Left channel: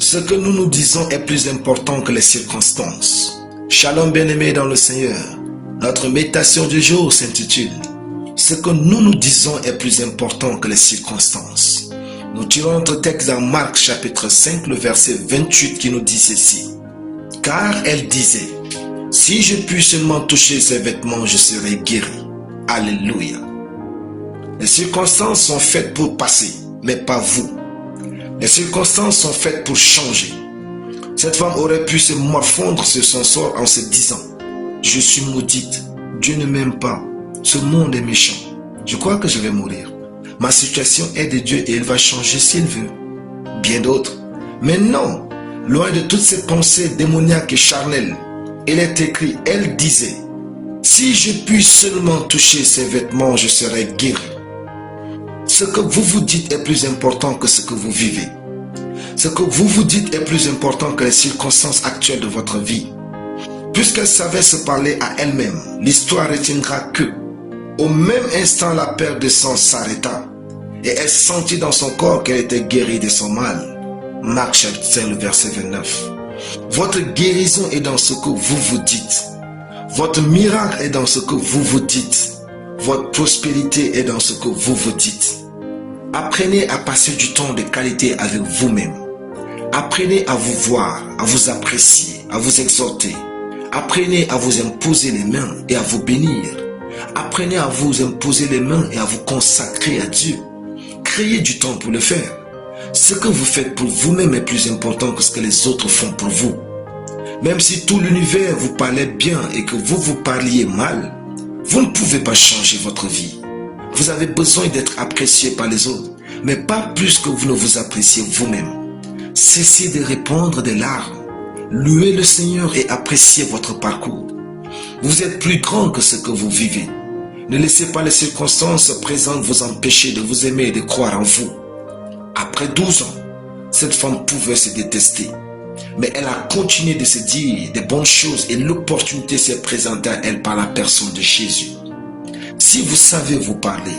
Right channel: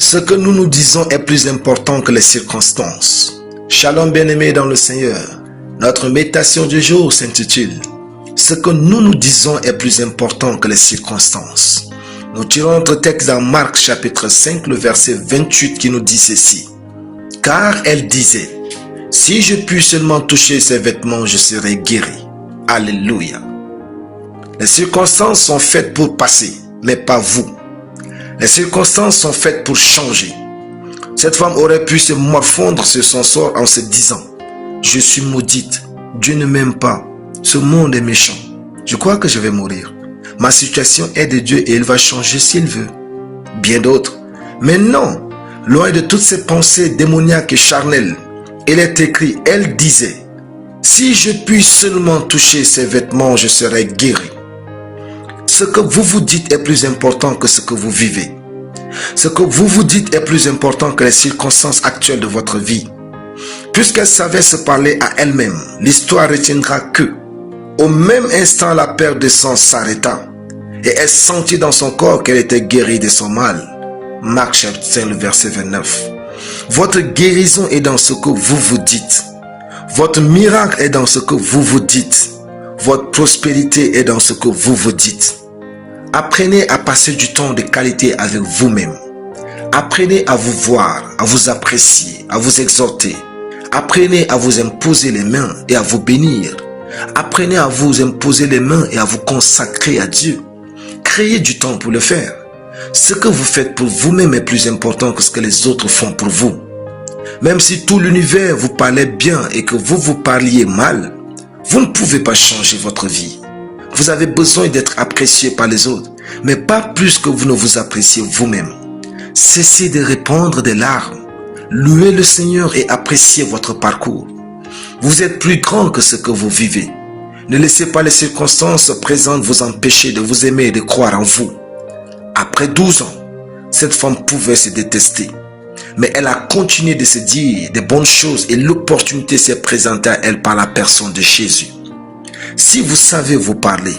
Ce que nous nous disons est plus important que les circonstances. Shalom bien-aimés dans le Seigneur. Notre méditation du jour s'intitule « Ce que nous nous disons est plus important que les circonstances ». Nous tirons notre texte dans Marc chapitre 5, le verset 28 qui nous dit ceci. « Car elle disait, si je puis seulement toucher ses vêtements, je serai guéri. » Alléluia. Les circonstances sont faites pour passer, mais pas vous. Les circonstances sont faites pour changer. Cette femme aurait pu se morfondre sur son sort en se disant « Je suis maudite, Dieu ne m'aime pas, ce monde est méchant, je crois que je vais mourir. Ma situation est de Dieu et il va changer s'il veut. » Bien d'autres. Mais non, loin de toutes ces pensées démoniaques et charnelles, il est écrit, elle disait « Si je puis seulement toucher ses vêtements, je serai guéri. » Ce que vous vous dites est plus important que ce que vous vivez. Ce que vous vous dites est plus important que les circonstances actuelles de votre vie. Puisqu'elle savait se parler à elle-même, l'histoire retiendra que, au même instant, la perte de sang s'arrêta et elle sentit dans son corps qu'elle était guérie de son mal. Marc chapitre 5, le verset 29. Votre guérison est dans ce que vous vous dites. Votre miracle est dans ce que vous vous dites. Votre prospérité est dans ce que vous vous dites. Apprenez à passer du temps de qualité avec vous-même. Apprenez à vous voir, à vous apprécier, à vous exhorter. Apprenez à vous imposer les mains et à vous bénir. Apprenez à vous imposer les mains et à vous consacrer à Dieu. Créez du temps pour le faire. Ce que vous faites pour vous-même est plus important que ce que les autres font pour vous. Même si tout l'univers vous parlait bien et que vous vous parliez mal, vous ne pouvez pas changer votre vie. Vous avez besoin d'être apprécié par les autres, mais pas plus que vous ne vous appréciez vous-même. Cessez de répandre des larmes. Louez le Seigneur et appréciez votre parcours. Vous êtes plus grand que ce que vous vivez. Ne laissez pas les circonstances présentes vous empêcher de vous aimer et de croire en vous. Après 12 ans, cette femme pouvait se détester. Mais elle a continué de se dire des bonnes choses et l'opportunité s'est présentée à elle par la personne de Jésus. Si vous savez vous parler,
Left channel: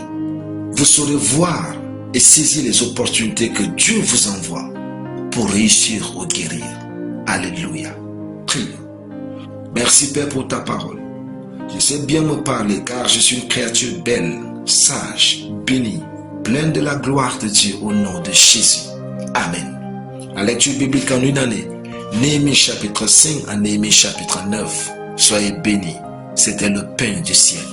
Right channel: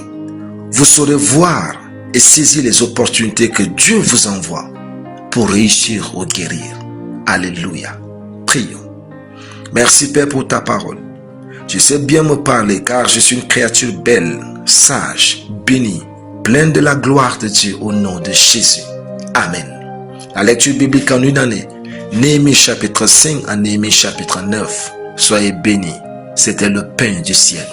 vous saurez voir et saisir les opportunités que Dieu vous envoie pour réussir ou guérir. Alléluia. Prions. Merci Père pour ta parole. Je sais bien me parler car je suis une créature belle, sage, bénie, pleine de la gloire de Dieu au nom de Jésus. Amen. La lecture biblique en une année. Néhémie chapitre 5 à Néhémie chapitre 9. Soyez bénis. C'était le pain du ciel.